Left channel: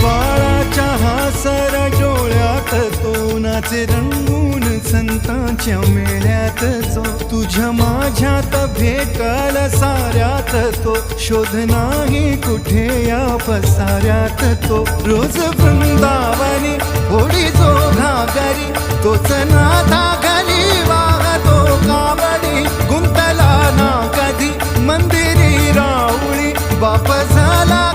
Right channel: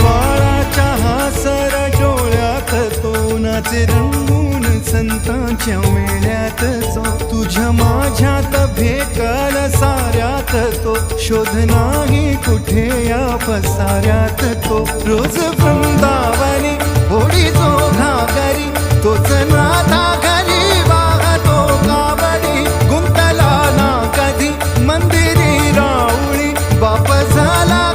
बाळाच्या हासर डोळ्यात तो नाचे रंगून संतांच्या मेळ्यात जो तुझ्या माझ्यात भेटल साऱ्यात तो शोध नाही कुठे या पसाऱ्यात तो रोज वृंदावनी होडी जो घागरी तोच नाथा घरी वाहतो कावडी गुंतला ना कधी मंदिरी राऊळी बाप झाला